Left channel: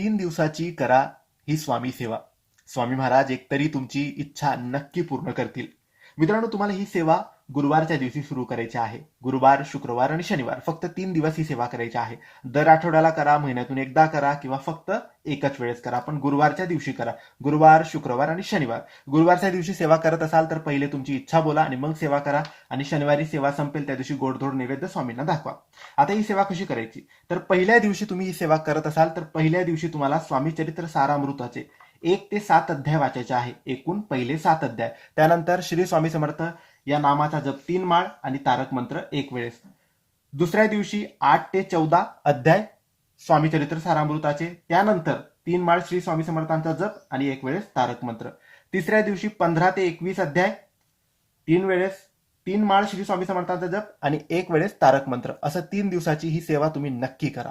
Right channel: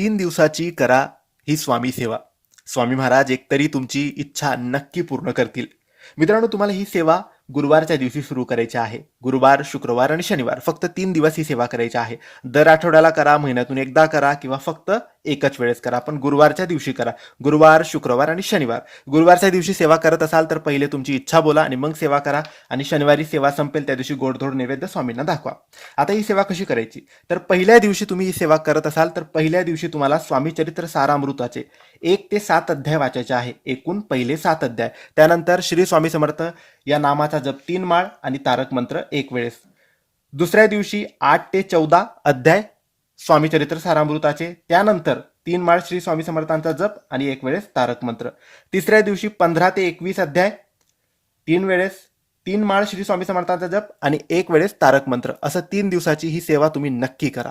3 दिवसाची करा ही स्वामी सेवा. स्वामी महाराज एकतरी तुमची इच्छा नक्की पूर्ण करतील. मित्रांनो, तुम्हाला ही सेवा गुरुवारच्या दिवशी सुरू करायची आहे. गुरुवार, शुक्रवार आणि शनिवार फक्त 3 दिवस ही सेवा करायची आहे. दर आठवड्याला करा, महिन्यातून एकदा करा किंवा फक्त एकच वेळेस करा. पण गुरुवारच्या दिवशी करा. गुरुवार, शुक्रवार आणि शनिवार. गुरुवारच्या दिवशी सेवा करत असाल तर पहिले तुमची इच्छा बोला आणि मग सेवा करा. आणि शनिवारी सेवा संपेल त्या दिवशी गोडधोड नैवेद्य स्वामींना दाखवा. आता ही सेवा कशी करायची? तर पहिल्या दिवशी तुम्ही ही सेवा करत असाल तर पहिल्या दिवशी तुम्हाला स्वामी चरित्र सारामृताचे 1 ते 7 अध्याय वाचायचे आहे. एकूण पहिले 7 अध्याय. त्यानंतर श्री स्वामी समर्थ या नामाचा जप 3 माळ आणि तारक मंत्र 1 वेळेस. दुसऱ्या दिवशी 8 ते 14 अध्याय स्वामी चरित्र सारामृताचे. त्यानंतर 3 माळ श्री स्वामी समर्थांचा जप आणि 1 वेळेस तारक मंत्र. तिसऱ्या दिवशी 15 ते 21 अध्याय 3 वेळेस 3 माळ श्री स्वामी समर्थांचा जप आणि 1 वेळेस तारक मंत्र. असं 3 दिवसाची ही सेवा तुम्ही नक्की करा.